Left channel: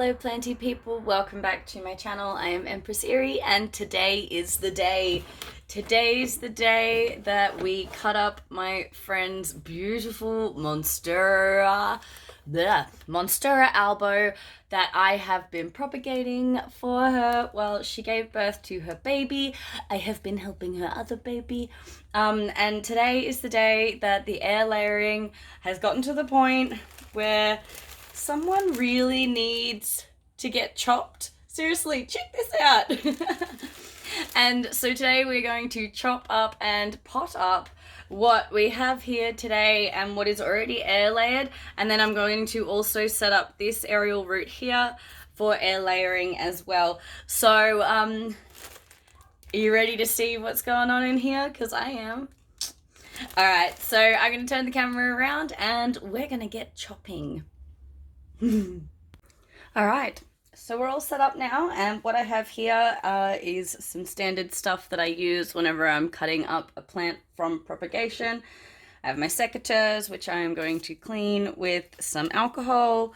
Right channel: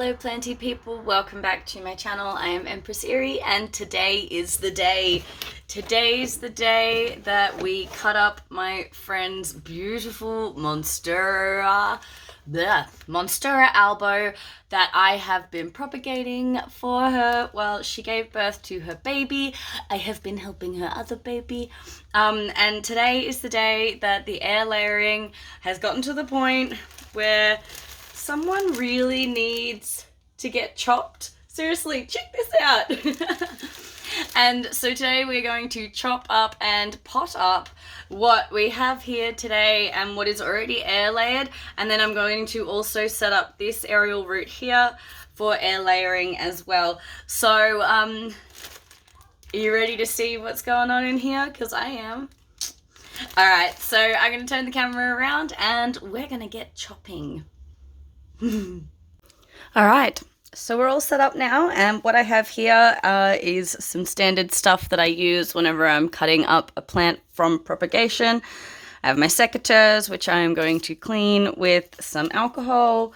Hello planty people, welcome back to my channel. I am Empress and today is the day. Today's the day that we cut up my friend's beautiful Monstera, Monstera Albo that I have been propagating for her. Well, she gave birth to her baby. I have been helping her other baby. And today is the day that the air layering has gotten to the point where someone really needs to get chopped. Seriously, check this out. And so today we're going to chop up and pot up what we have here today and what is already air layered. And then I'm going to also set up this aerial root here for air layering as well. So, are you ready to see what's going on in here? Because I am. Alright, so I'm going to turn the camera around and we're going to get chopping. Alright, so we're all set up now, and what I have here is some standard stuff that I use whenever I'm cutting up a plant from propagation. I have my secateurs, which I am going to clean with some alcohol.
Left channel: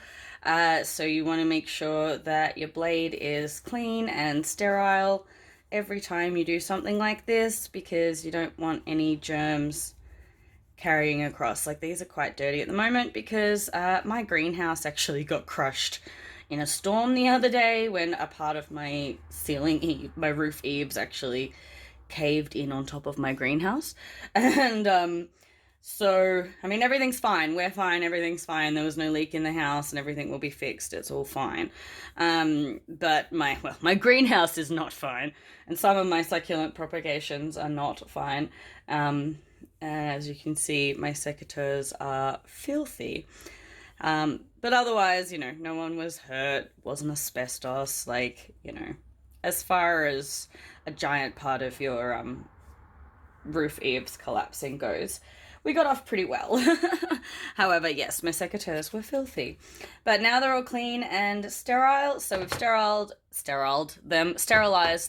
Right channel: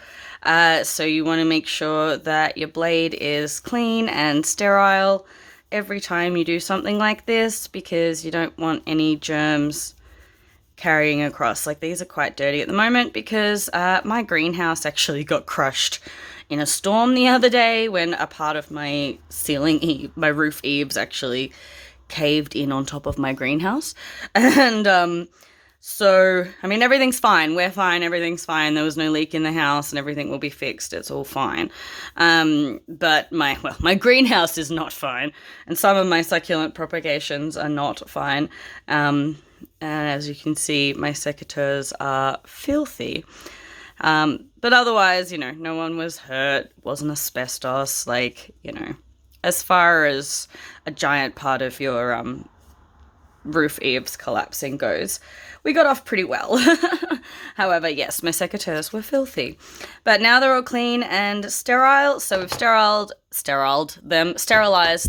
So you want to make sure that your blade is clean and sterile every time you do something like this, because you don't want any germs carrying across. Like, these are quite dirty at the moment because my greenhouse actually got crushed in a storm the other day when a part of my my roof eaves actually caved in on top of my greenhouse. And so, I mean, everything's fine. We're fine. Everything's fine. There was no leak in the house and everything will be fixed. It's all fine. But my greenhouse is not fine. And some of my succulent propagations are not fine. And as you can see, my secateurs are filthy. But otherwise, you know, no one was hurt, wasn't asbestos, like, you know, as far as a giant part of your roof eaves collapsing goes, we got off pretty well. However, yes, my secateurs were filthy. But now they're all clean and sterile, so we've sterilized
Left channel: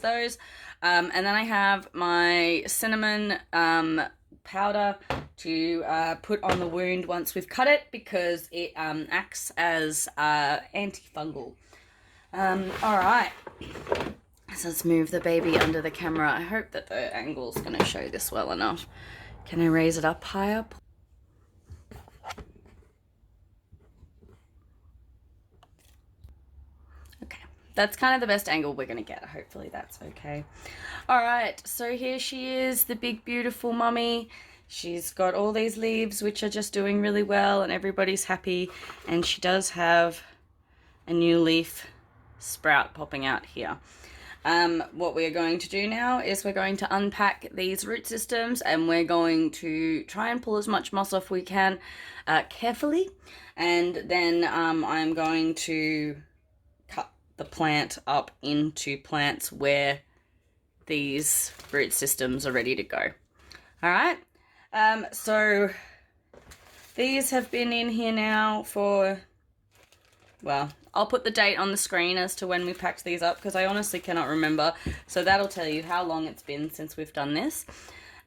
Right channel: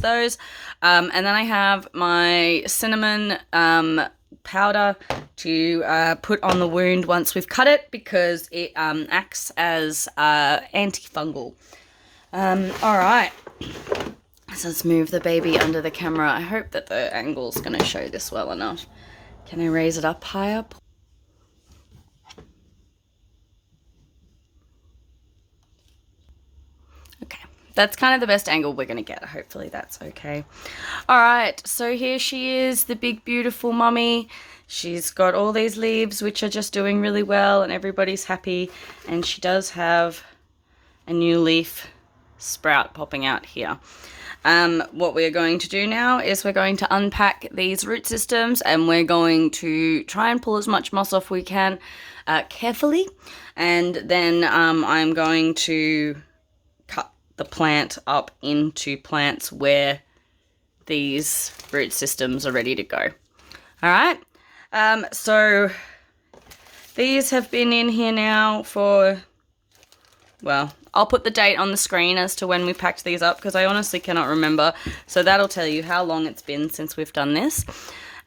those. And then I have my cinnamon powder to put on the wound once we've cut it, because it acts as antifungal. All right. So let's move the baby under the camera. I hope that the angle's going to show this well enough. Can I raise it up higher? Okay, that's kind of the best angle we're going to get. Hopefully that's okay. All right, so here she is, the big beautiful mummy. She's got all these leaves which are just doing really well and everybody's happy, and she does have a new leaf sprout popping out here. What we're going to do now is we're going to unpack these root systems, and we're going to try and pull as much moss off we can carefully, and then I'm going to cut the plant up into plants where these root systems are ready to go. All right, so these have been in here now for, well, I'll put the date on the screen as to when we packed these up, because I honestly cannot remember. So that'll tell you how long it's been since we've done this.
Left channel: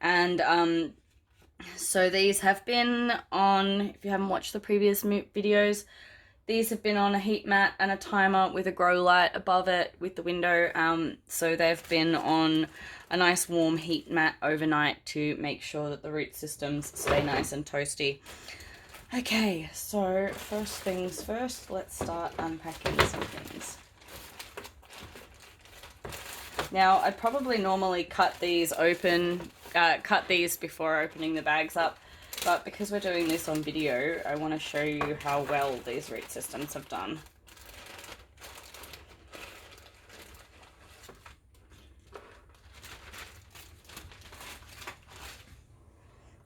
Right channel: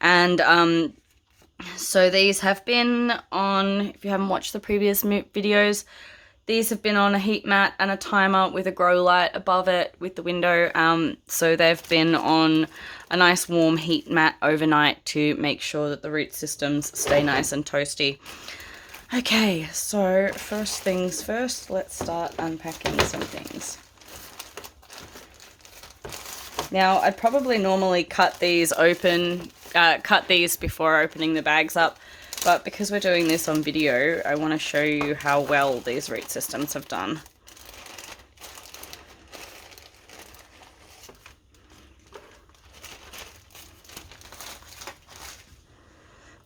And so these have been on, if you haven't watched the previous videos, these have been on a heat mat and a timer with a grow light above it with the window. So they've been on a nice warm heat mat overnight to make sure that the root systems stay nice and toasty. Okay, so first things first, let's start unpacking some things. Now, I'd probably normally cut these before opening the bags up, but because we're doing this on video, I want to show you how well these root systems have done.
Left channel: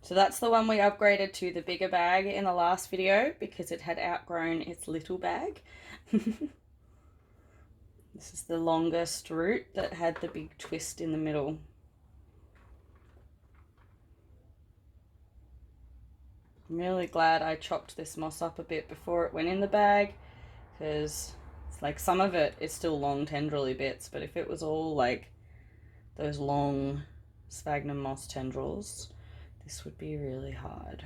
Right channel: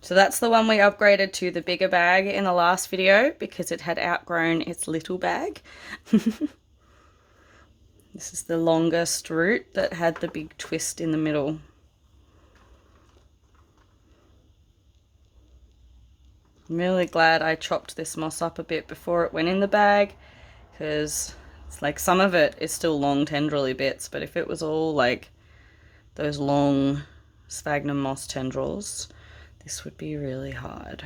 So that's the one we upgraded to the bigger bag in the last video because it had outgrown its little bag. This is the longest root that had the big twist in the middle. I'm really glad I chopped this moss up a bit before it went in the bag, because it's like some of it is still long tendrily bits, but if it was all like those long sphagnum moss tendrils, this would be really hard.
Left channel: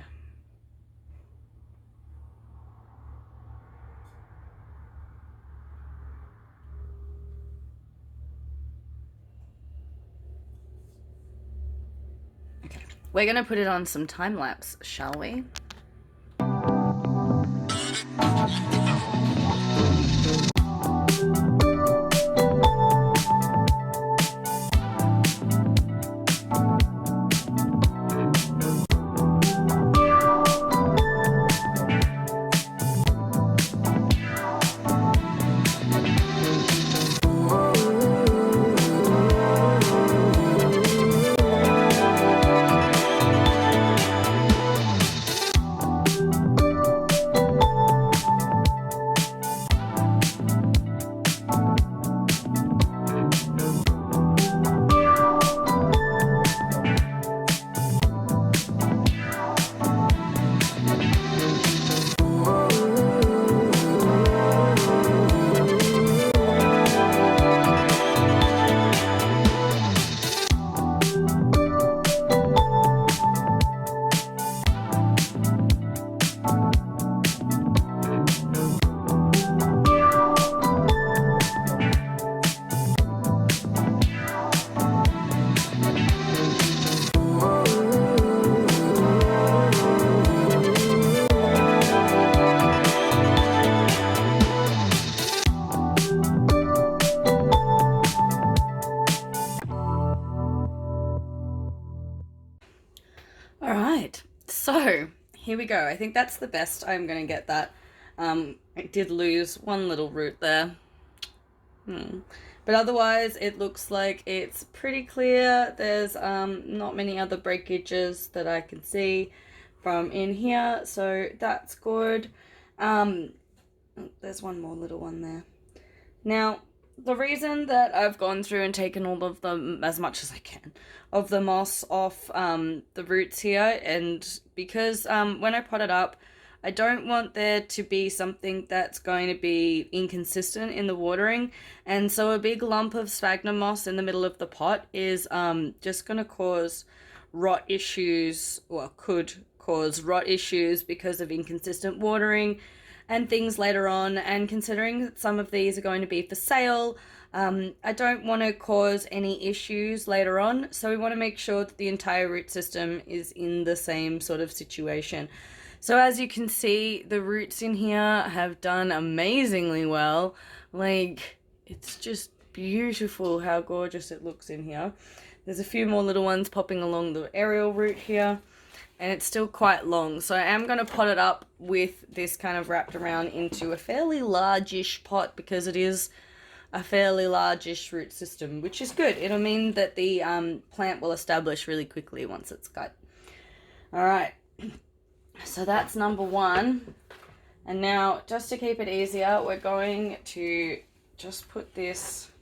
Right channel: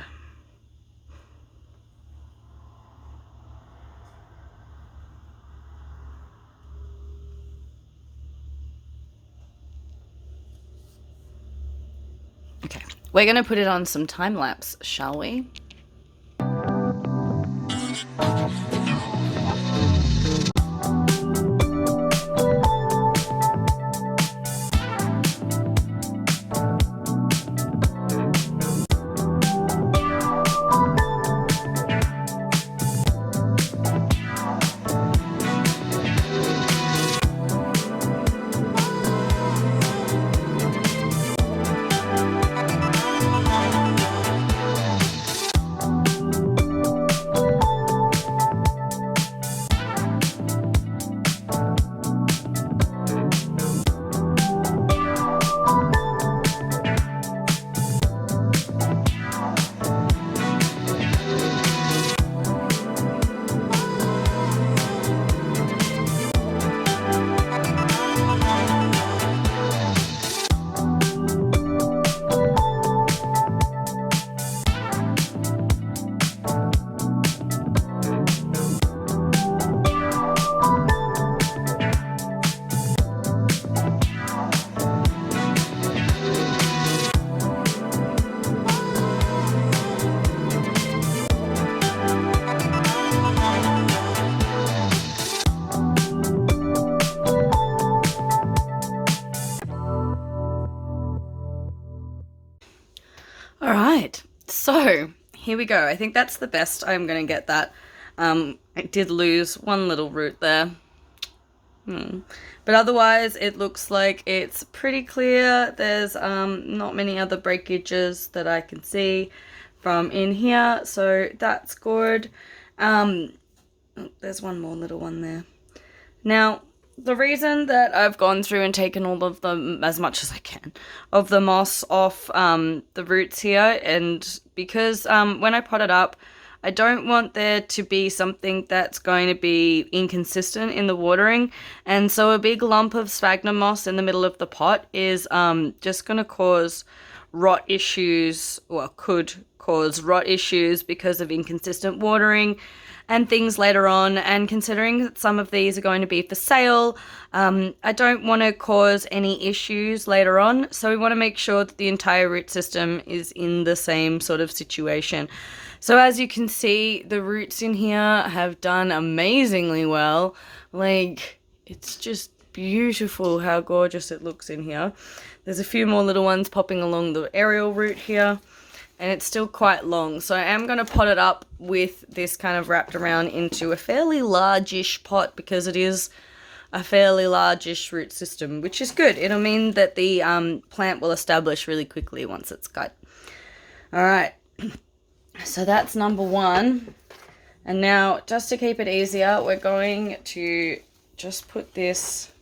Okay, we're going to put it on some time lapse, shall we? All right, so here we go. I think that's the best I'm going to get that. I did lose one little root there. But otherwise, it looks like it's pretty clear. There's not many other breakages that I can see from in here, so that's good. There's one more little one there. Now, the reason that I've gone through and taken all of them, as much as I can, of the moss off the roots here, and because when I pot it up, I don't want there to be something that's going to be inconsistent in the watering, and so a big lump of sphagnum moss in the middle of the pot is just going to cause rot issues, or could cause rot issues because of inconsistent watering and things later on. And considering that some of these are going to be for sale, I don't want to cause any issues later on, so we want to make sure that the entire root system is in the same sort of situation. So as you can see, the roots in here have done amazingly well. Like, it's just beautiful how gorgeous it looks in here. There's a few more little ones popping along the aerial root here, and it's still quite long. So I am going to pot it up with this kind of wrapped around into a fairly largish pot, because it is a fairly largish root system, which is good. It'll mean that the plant will establish really quickly once it's cut. All right, so that's number one. And now, just to keep it easier, we're going to just put this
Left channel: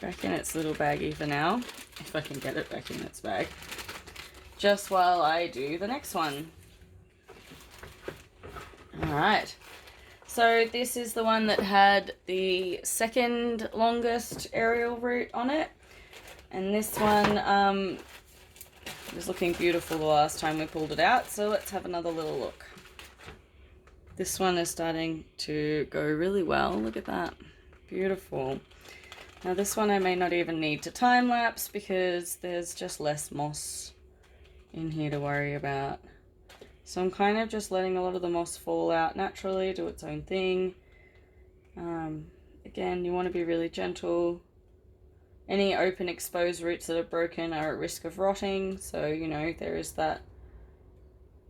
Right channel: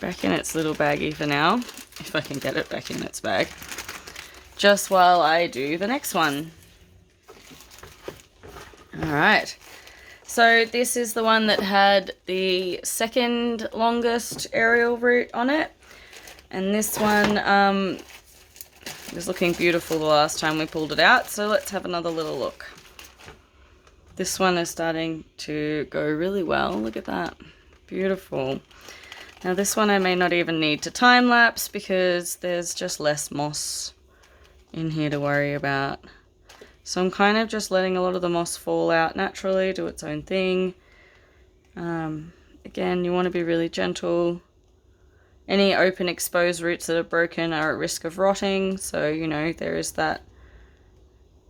back in its little baggie for now, if I can get it back in its bag, just while I do the next one. All right, so this is the one that had the second longest aerial root on it, and this one was looking beautiful the last time we pulled it out, so let's have another little look. This one is starting to go really well. Look at that, beautiful. Now this one I may not even need to time lapse, because there's just less moss in here to worry about. So I'm kind of just letting a lot of the moss fall out naturally, do its own thing. Again, you want to be really gentle. Any open exposed roots that are broken are at risk of rotting, so you know there is that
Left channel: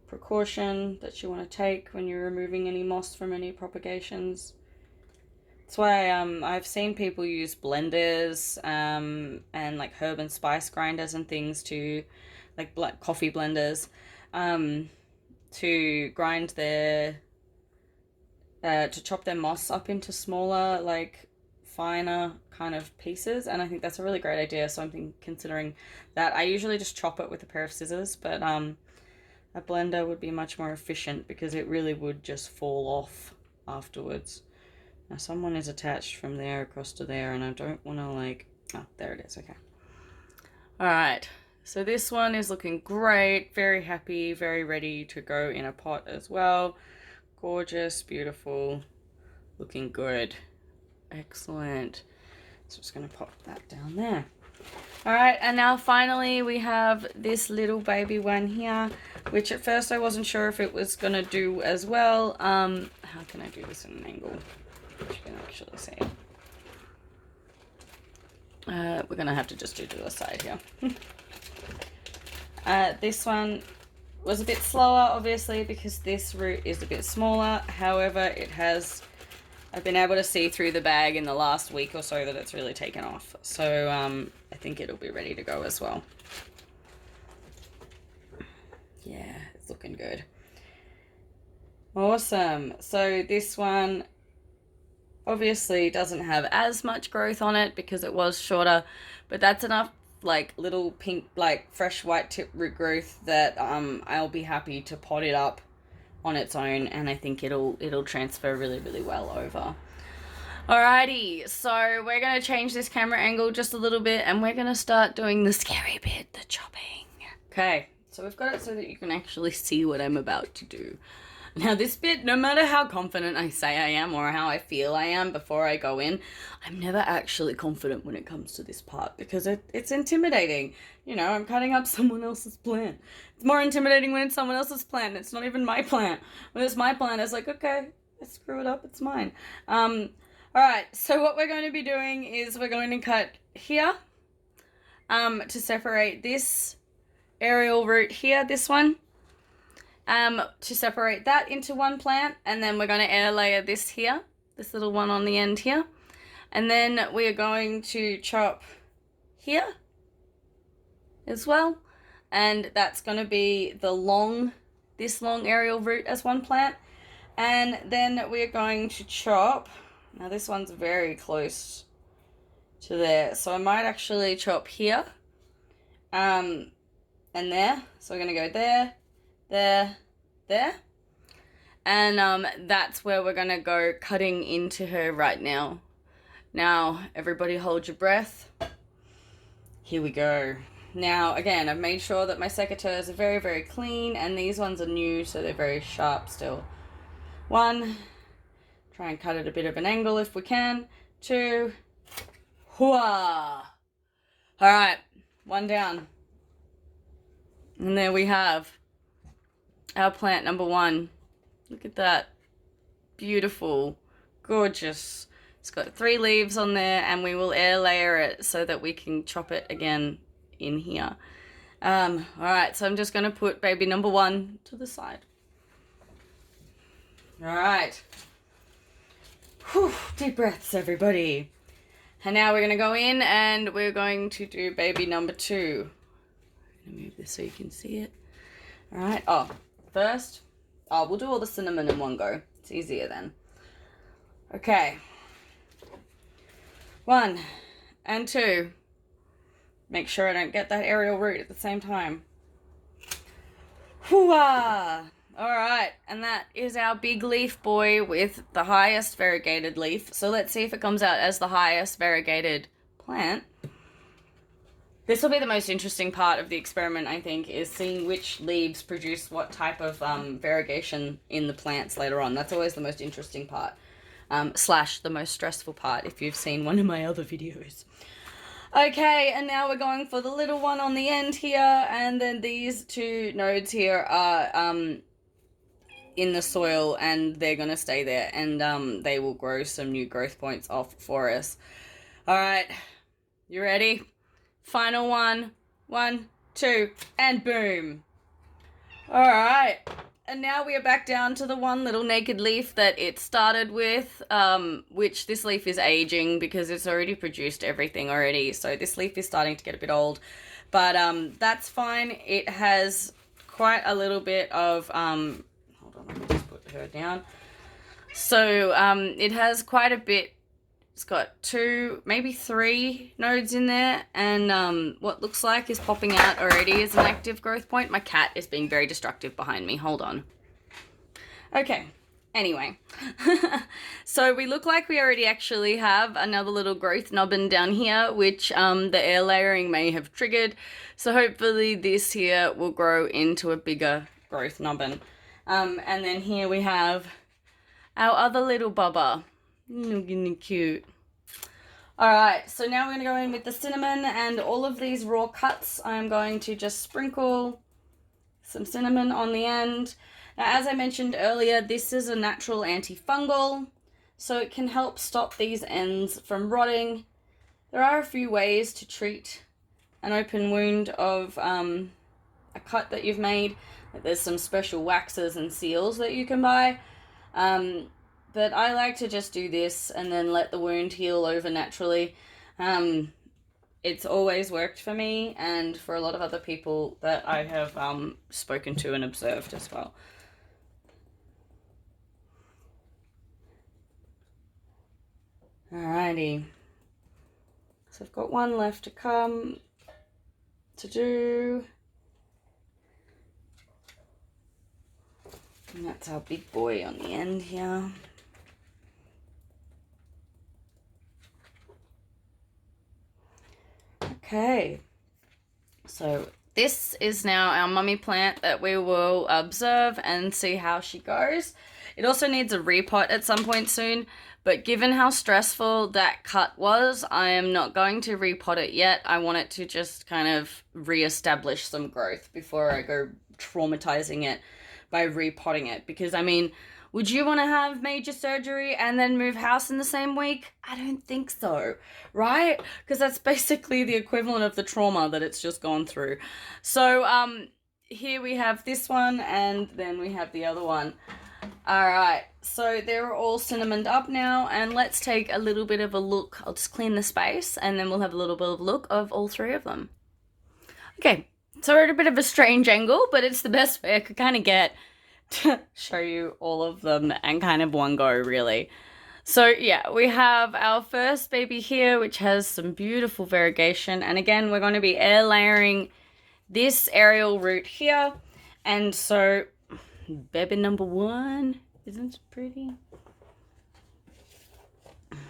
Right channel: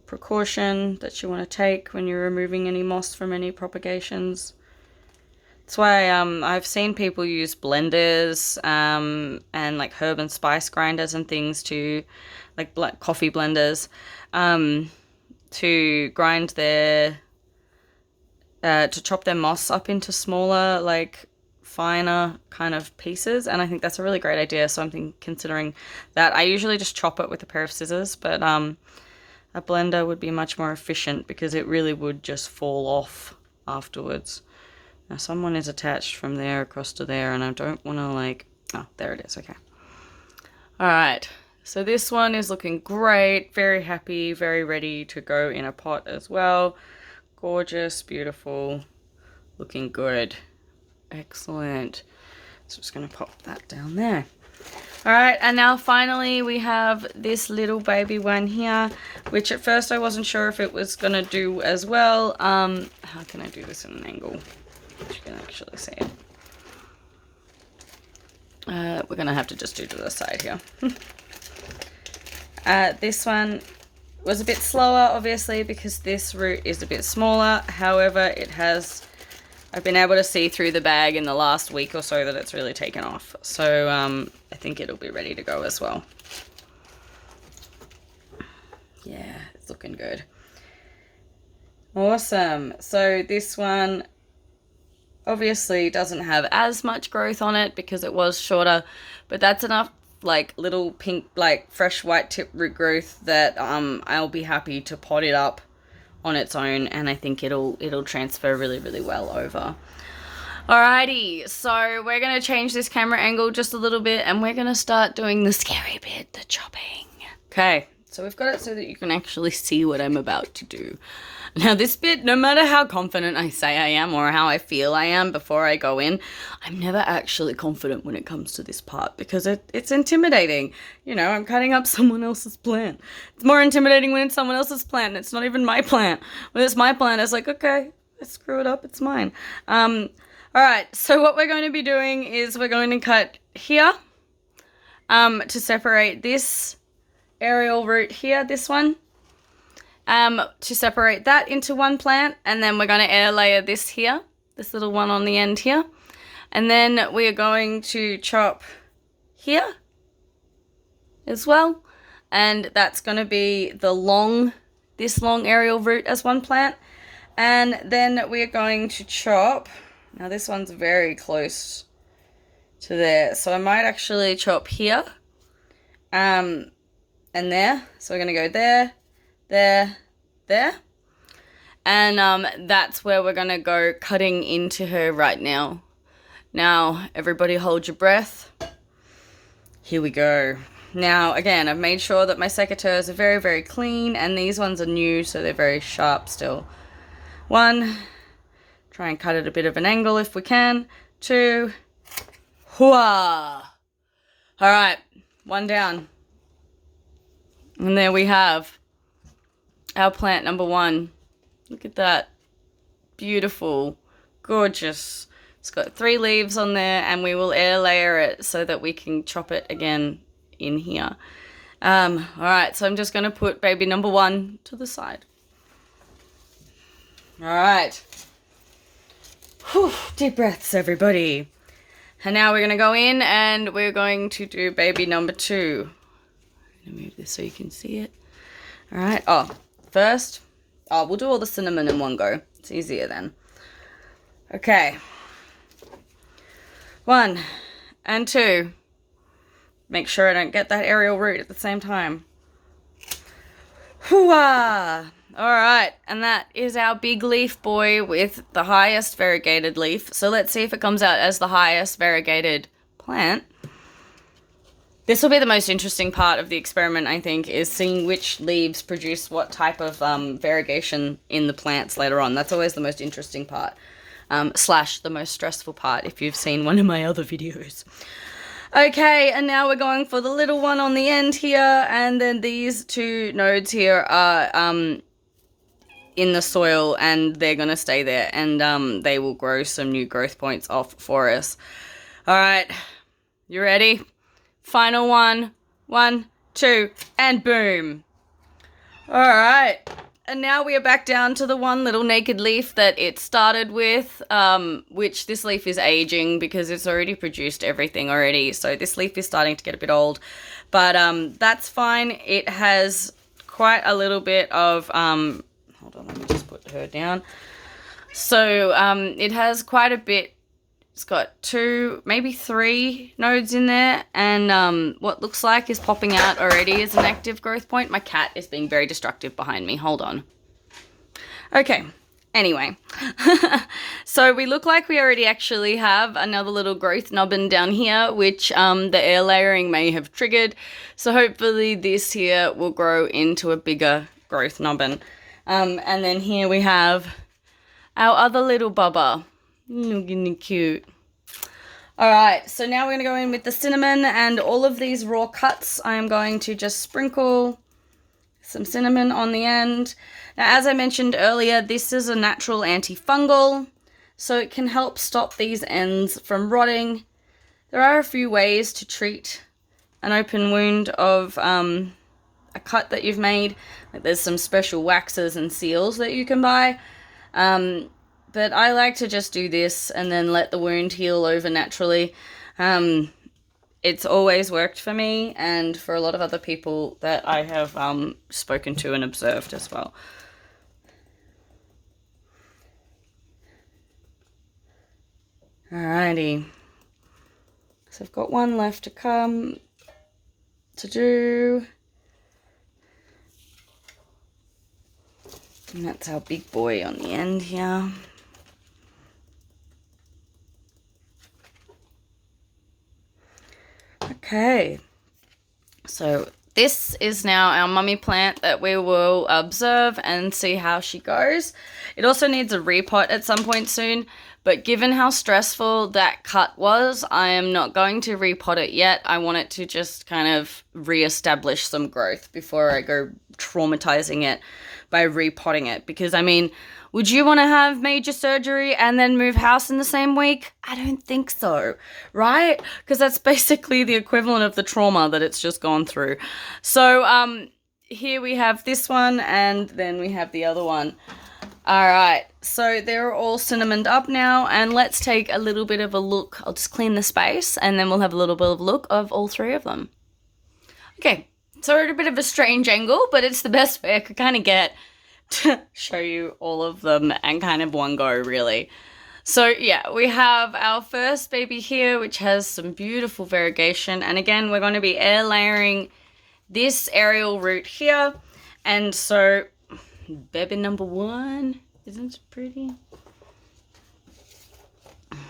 precaution that you want to take when you're removing any moss from any propagations. That's why I've seen people use blenders and like herb and spice grinders and things to, like black coffee blenders, to grind their, to chop their moss up into smaller, like finer kind of pieces. And I think that's a really great idea, so I'm considering that. I usually just chop it with a pair of scissors, but a blender would be much more efficient, because it really would just fall off afterwards. Now someone is attached from there across to there, and I don't want to like, oh, there it is, okay. All right, so this one is looking great, very happy, very ready to go in a pot as well. Gorgeous, beautiful, looking good. Excellent. So I'm just going to pop that down there. All right, and now finally we have this little baby one here, which at first I wasn't sure if it was gonna do as well. How can I do this in an angle that you can actually see it? We're gonna have to just do to the side here. This one was a bit slower, obviously, because this root is a bit smaller. However, I've been able to see through the bag in the last week or so that it's really taken off. So I think it'll be ready to go as well. Yeah, it's looking good. Awesome. So this one obviously doesn't have as much growth on it because it was shorter, but that's enough like little pink, like fresh white tip root growth that I'll be happy to pot it up on its own, and I think it'll transfer really, really well over. Alrighty, so we're gonna change this camera angle just a little bit, and we're gonna start doing the scary bit, the chopping. Okay, so we've got it so that you can actually see what I'm about to do. Now this bit, no matter how confident I say I am or how I feel I am before I go in, I'm never actually confident when it comes to this part because it's intimidating. You know, I'm cutting up someone else's plant. It's more intimidating when it's someone else's plant and it's not even my plant. When it's my plant, it's like, okay, let's screw it up, it's mine. Alright, so what we're going to be doing is we're going to cut here to separate this aerial root here, this one. To separate that into one plant, and then we're going to air layer this here, this little one on the end here, and then we are going to chop here as well, and that's going to be this long aerial root as one plant, and then we are going to chop, now this one's very close to there, so I might actually chop here, and there, so we're going to go there, there, and that's where we're gonna go cutting into her right now. Now everybody hold your breath. Here we go. Now again, I've made sure that my secateurs are very, very clean, and these ones are new, so they're very sharp still. 1, try and cut at a bit of an angle if we can. 2, hooah! Alright, 1 down, and there we have our plant number 1. Look at that. Beautiful. Gorgeous. It's got 3 leaves on there, and we will air layer it so that we can chop it again in here. Alright, so I'm just going to put baby number 1 to the side. Alright. Deep breaths, everybody. And now we're going to go in and we're going to do baby number 2. I'm going to move this so you can see it. Alright, first, we'll do all the cinnamon in one go. It's easier then. Okay. 1 and 2. Make sure I don't get that aerial root at the same time. Hooah! Alright, and that is our big leaf boy with the highest variegated leaf. So let's see if it comes out as the highest variegated plant. This will be the most interesting part of the experiment, I think, is seeing which leaves produce what type of variegation in the plants later on. That's always the most interesting part, slash the most stressful part if you've seen one of my other videos. Okay, and now we're going for the little one on the end here, and then these 2 nodes here are in the soil, and they're going to stay there, and they will grow some new growth points off for us. Alright, you ready? Final one. 1, 2, and boom. Alright, and now we are back down to the one little naked leaf that it started with, which this leaf is aging because it's already produced everything already. So this leaf is starting to get a bit old, but that's fine. It has quite a little bit of, hold on, let me just put her down. So it has quite a bit. It's got 2, maybe 3 nodes in there, and what looks like is popping out already is an active growth point. My cat is being very destructive behind me. Hold on. Okay, anyway. So we look like we already actually have another little growth nubbin down here, which the air layering may have triggered. So hopefully this here will grow into a bigger growth nubbin. And then here we have our other little bubba. Looking cute. All right, so now we're going to go in with the cinnamon, and all of these raw cuts, I'm going to just sprinkle some cinnamon on the end. Now, as I mentioned earlier, this is a natural antifungal, so it can help stop these ends from rotting. There are a few ways to treat an open wound of a cut that you've made. Like, there's some special waxes and seals that you can buy. But I like to just do this and then let the wound heal over naturally. It's always worked for me and for a lot of other people that I have spoken to and observed as well. Alrighty. So I've got one left to do. And that's our big boy on the end here. Okay, so this is now our mummy plant that we will observe and see how she goes. It also needs a repot at some point soon, but given how stressful that cut was, I am not going to repot it yet. I want it to just kind of re-establish some growth before I go traumatizing it by repotting it. Because, I mean, would you want to have major surgery and then move house in the same week? I don't think so, right? Because that's basically the equivalent of the trauma that it's just gone through. So here we have this one, and then we have the other one. All right, so they're all cinnamoned up now, and let's take a little bit of a look. I'll just clean the space, and then we'll have a little bit of a look of all three of them. Okay, so we're at a bit of a strange angle, but it's the best way I could kind of get to show you all of them and kind of one go, really. So yeah, we have our first baby here, which has some beautiful variegation, and again, we're going to be air layering this aerial root here. And so baby number one, isn't it pretty? Okay.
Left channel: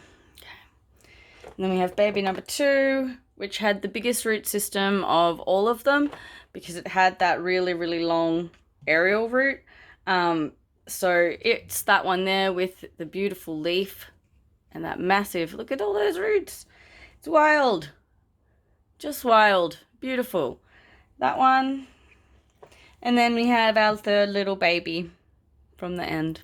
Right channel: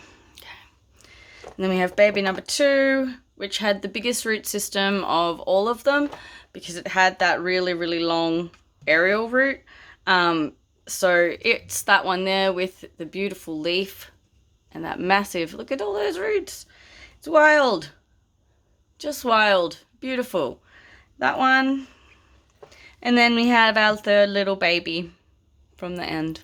And then we have baby number two, which had the biggest root system of all of them because it had that really, really long aerial root. So it's that one there with the beautiful leaf and that massive, look at all those roots. It's wild. Just wild. Beautiful. That one. And then we have our third little baby from the end.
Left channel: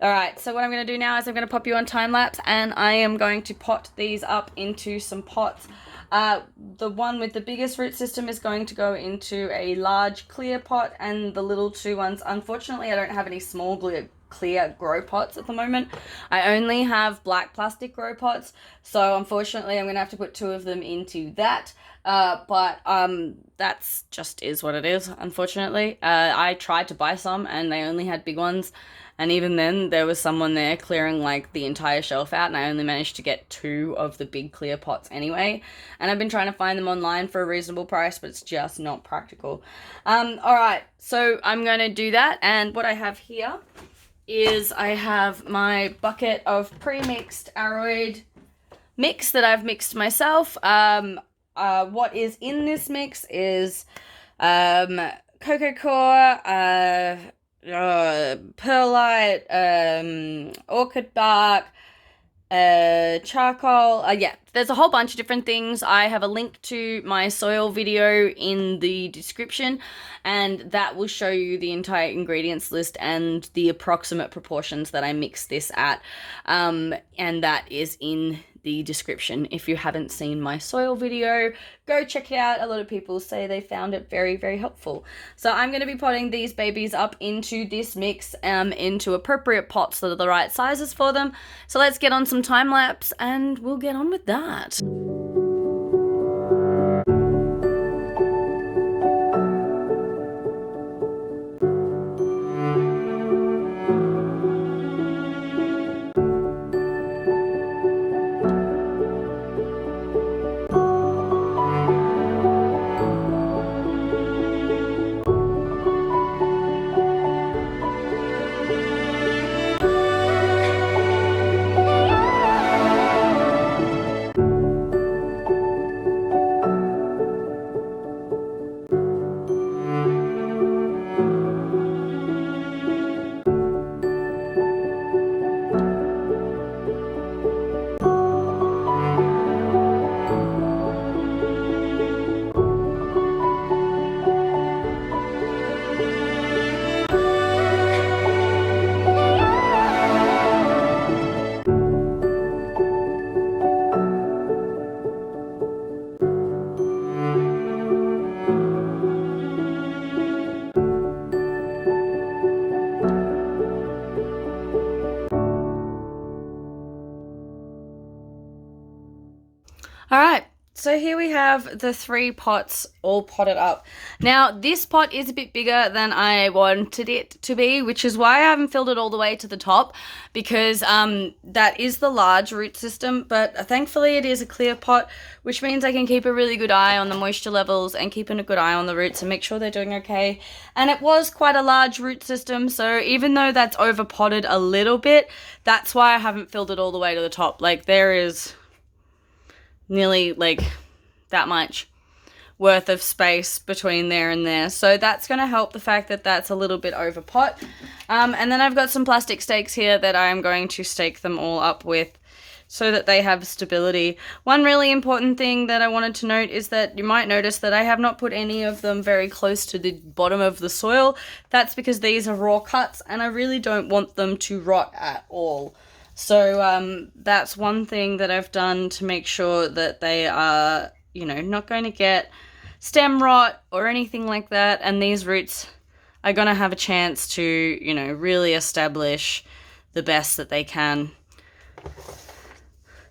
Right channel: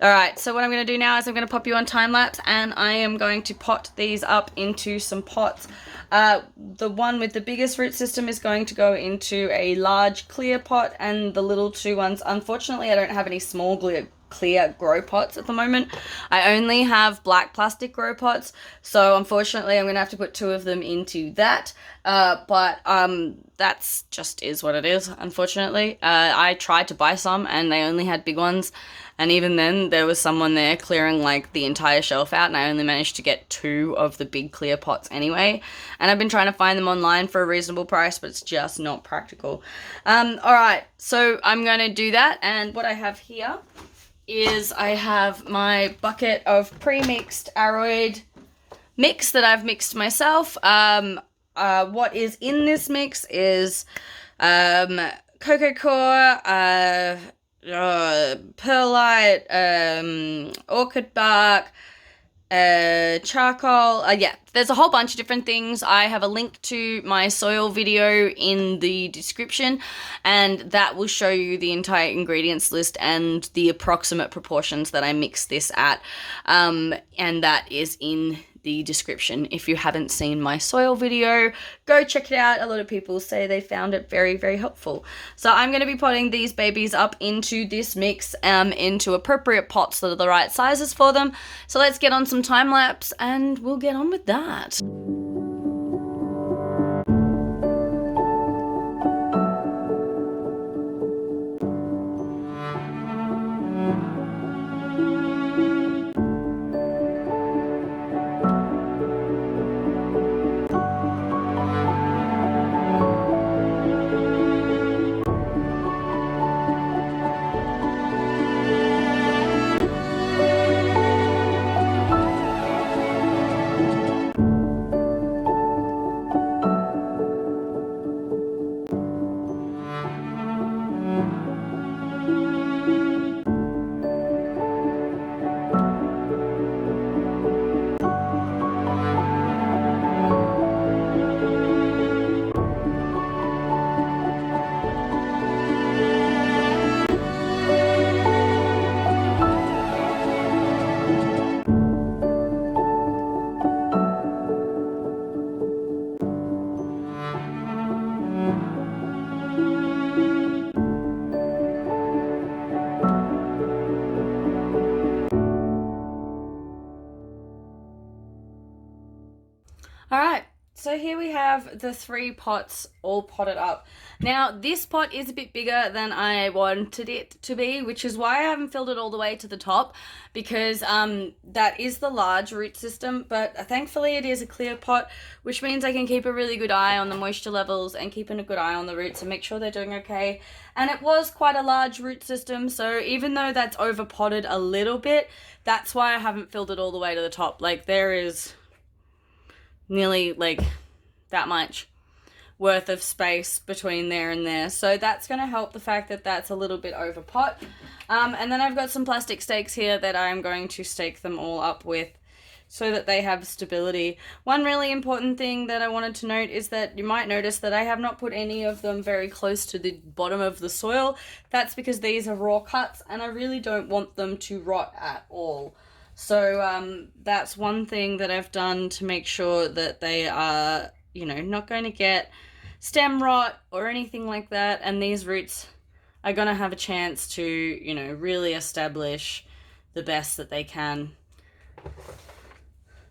All right, so what I'm going to do now is I'm going to pop you on time lapse, and I am going to pot these up into some pots. The one with the biggest root system is going to go into a large clear pot, and the little two ones, unfortunately, I don't have any small clear grow pots at the moment. I only have black plastic grow pots, so unfortunately I'm going to have to put two of them into that. But that's just is what it is, unfortunately. I tried to buy some and they only had big ones, and even then there was someone there clearing like the entire shelf out, and I only managed to get two of the big clear pots anyway. And I've been trying to find them online for a reasonable price, but it's just not practical. Alright, so I'm going to do that, and what I have here is I have my bucket of pre-mixed aroid mix that I've mixed myself. What is in this mix is cocoa core, perlite, orchid bark, charcoal. Yeah, there's a whole bunch of different things. I have a link to my soil video in the description, and that will show you the entire ingredients list and the approximate proportions that I mix this at, and that is in the description. If you haven't seen my soil video, go check it out. A lot of people say they found it very, very helpful. So I'm going to be potting these babies up into this mix, into appropriate pots that are the right sizes for them. So let's get on some time lapse and we'll get on with that. so here we have the 3 pots all potted up. Now, this pot is a bit bigger than I wanted it to be, which is why I haven't filled it all the way to the top, because that is the large root system, but thankfully it is a clear pot, which means I can keep a really good eye on the moisture levels and keeping a good eye on the roots and make sure they're doing okay. And it was quite a large root system, so even though that's over potted a little bit, that's why I haven't filled it all the way to the top. Like, there is nearly like that much worth of space between there and there, so that's going to help the fact that that's a little bit over pot. And then I've got some plastic stakes here that I'm going to stake them all up with so that they have stability. One really important thing that I wanted to note is that you might notice that I have not put any of them very close to the bottom of the soil. That's because these are raw cuts and I really don't want them to rot at all. So that's one thing that I've done to make sure that they are, you know, not going to get stem rot or anything like that. And these roots are going to have a chance to, you know, really establish the best that they can.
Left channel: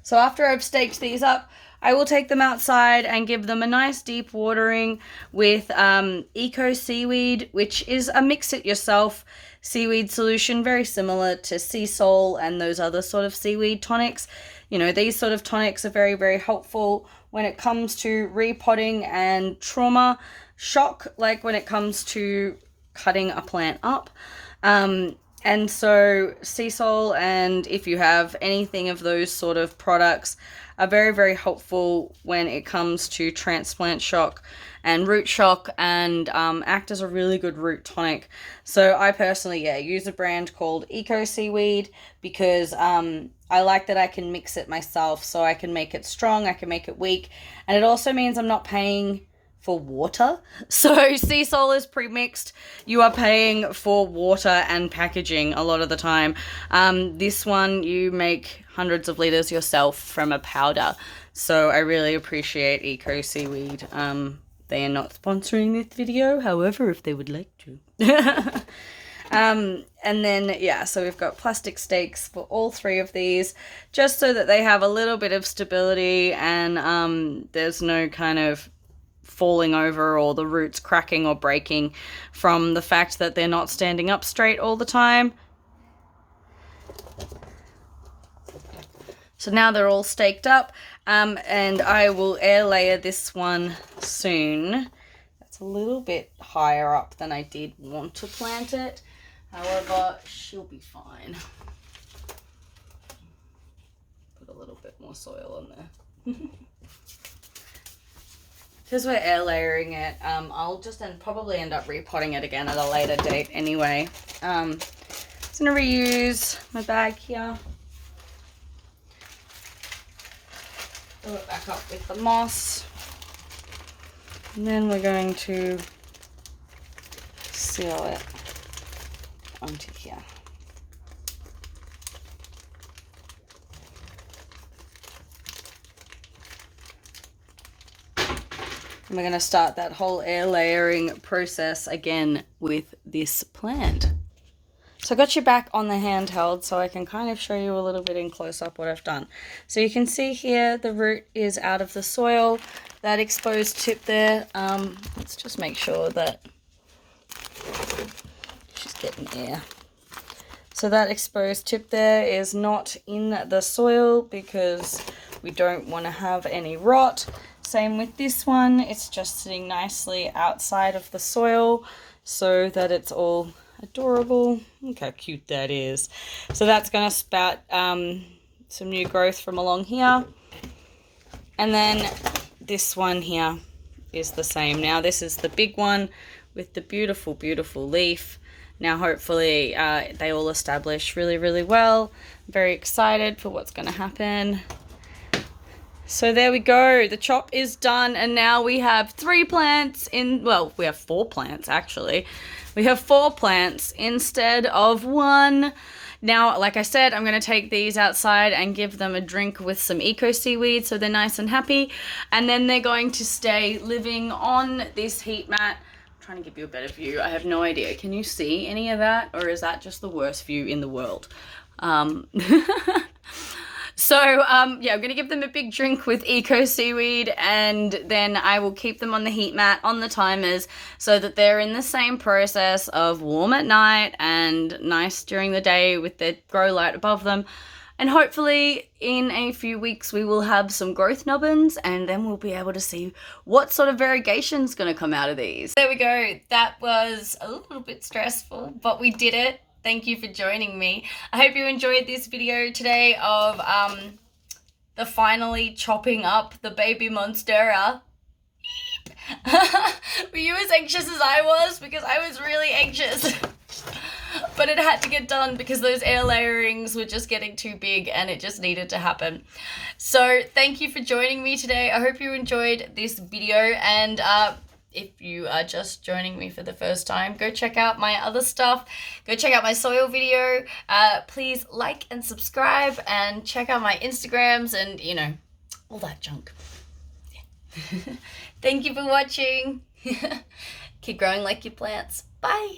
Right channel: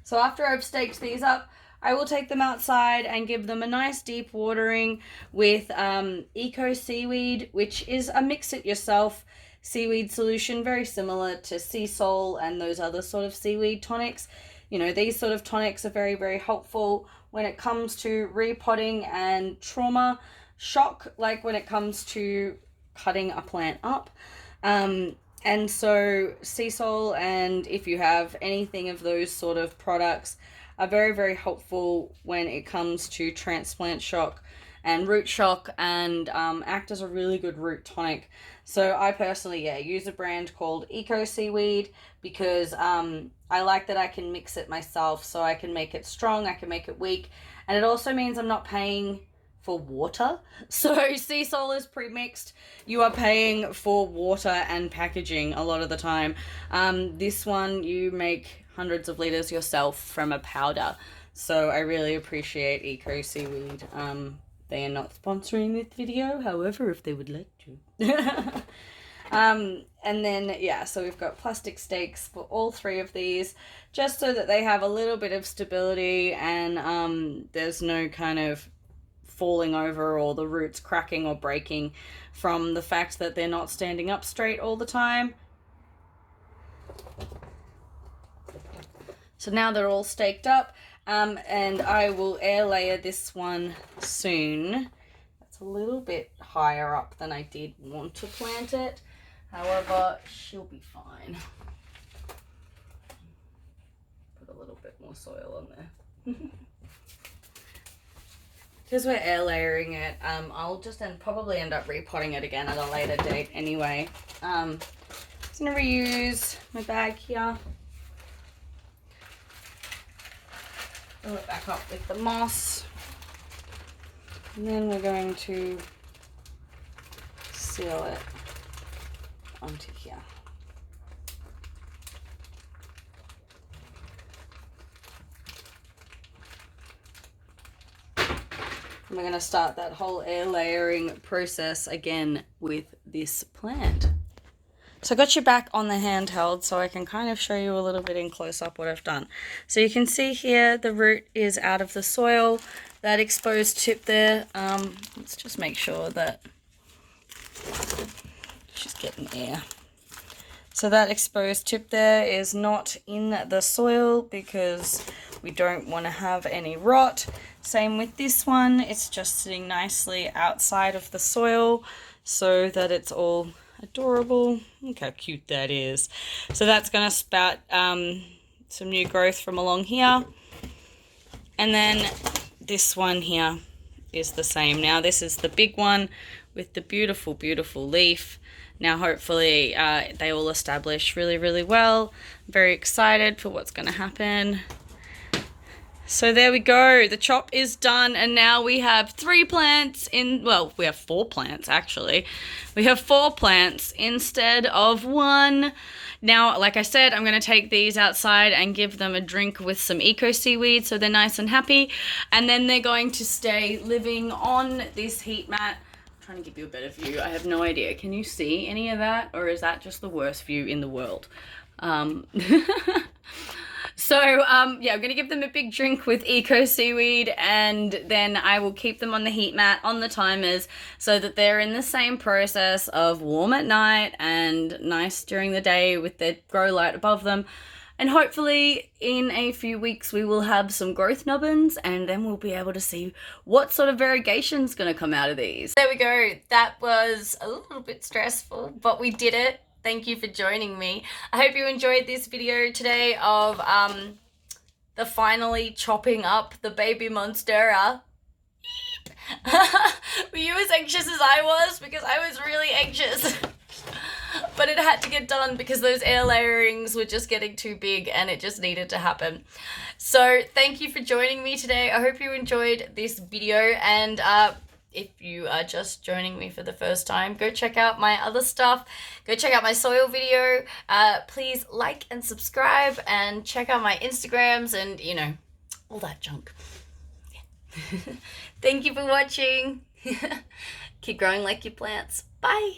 So after I've staked these up, I will take them outside and give them a nice deep watering with Eco Seaweed, which is a mix-it-yourself seaweed solution, very similar to sea salt and those other sort of seaweed tonics. You know, these sort of tonics are very, very helpful when it comes to repotting and trauma shock, like when it comes to cutting a plant up. And so sea salt, and if you have anything of those sort of products, are very, very helpful when it comes to transplant shock and root shock, and act as a really good root tonic. So I personally, use a brand called Eco Seaweed because I like that I can mix it myself, so I can make it strong, I can make it weak, and it also means I'm not paying for water. So sea salt is pre-mixed, you are paying for water and packaging a lot of the time. This one you make hundreds of liters yourself from a powder, so I really appreciate Eco Seaweed. They are not sponsoring this video, however, if they would like to. And then, so we've got plastic stakes for all 3 of these, just so that they have a little bit of stability and there's no kind of falling over or the roots cracking or breaking from the fact that they're not standing up straight all the time. So now they're all staked up, and I will air layer this one soon. That's a little bit higher up than I did want to plant it. However, she'll be fine. Put a little bit more soil on there. Because we're air layering it, I'll just probably end up repotting it again at a later date anyway. I'm just going to reuse my bag here. Fill it back up with the moss. And then we're going to seal it onto here. And we're going to start that whole air layering process again with this plant. So I got you back on the handheld so I can kind of show you a little bit in close up what I've done. So you can see here the root is out of the soil, that exposed tip there. Let's just make sure that she's getting air. So that exposed tip there is not in the soil because we don't want to have any rot. Same with this one, it's just sitting nicely outside of the soil so that it's all adorable. Look how cute that is. So that's going to spout some new growth from along here. And then this one here is the same. Now this is the big one with the beautiful, beautiful leaf. Now hopefully they all establish really, really well. I'm very excited for what's going to happen. So there we go, the chop is done, and now we have 3 plants in, well, we have 4 plants actually. We have 4 plants instead of 1. Now, like I said, I'm going to take these outside and give them a drink with some Eco Seaweed so they're nice and happy, and then they're going to stay living on this heat mat. I'm trying to give you a better view. I have no idea. Can you see any of that, or is that just the worst view in the world? So yeah, I'm going to give them a big drink with eco seaweed, and then I will keep them on the heat mat on the timers so that they're in the same process of warm at night and nice during the day with their grow light above them. And hopefully in a few weeks we will have some growth nubbins, and then we'll be able to see what sort of variegation is going to come out of these. There we go. That was a little bit stressful, but we did it. Thank you for joining me. I hope you enjoyed this video today of the finally chopping up the baby Monstera. Were you as anxious as I was? Because I was really anxious. But it had to get done because those air layerings were just getting too big and it just needed to happen. So thank you for joining me today. I hope you enjoyed this video, and if you are just joining me for the first time, go check out my other stuff. Go check out my soil video. Please like and subscribe, and check out my Instagrams and, you know, all that junk. Yeah. Thank you for watching. Keep growing like your plants. Bye.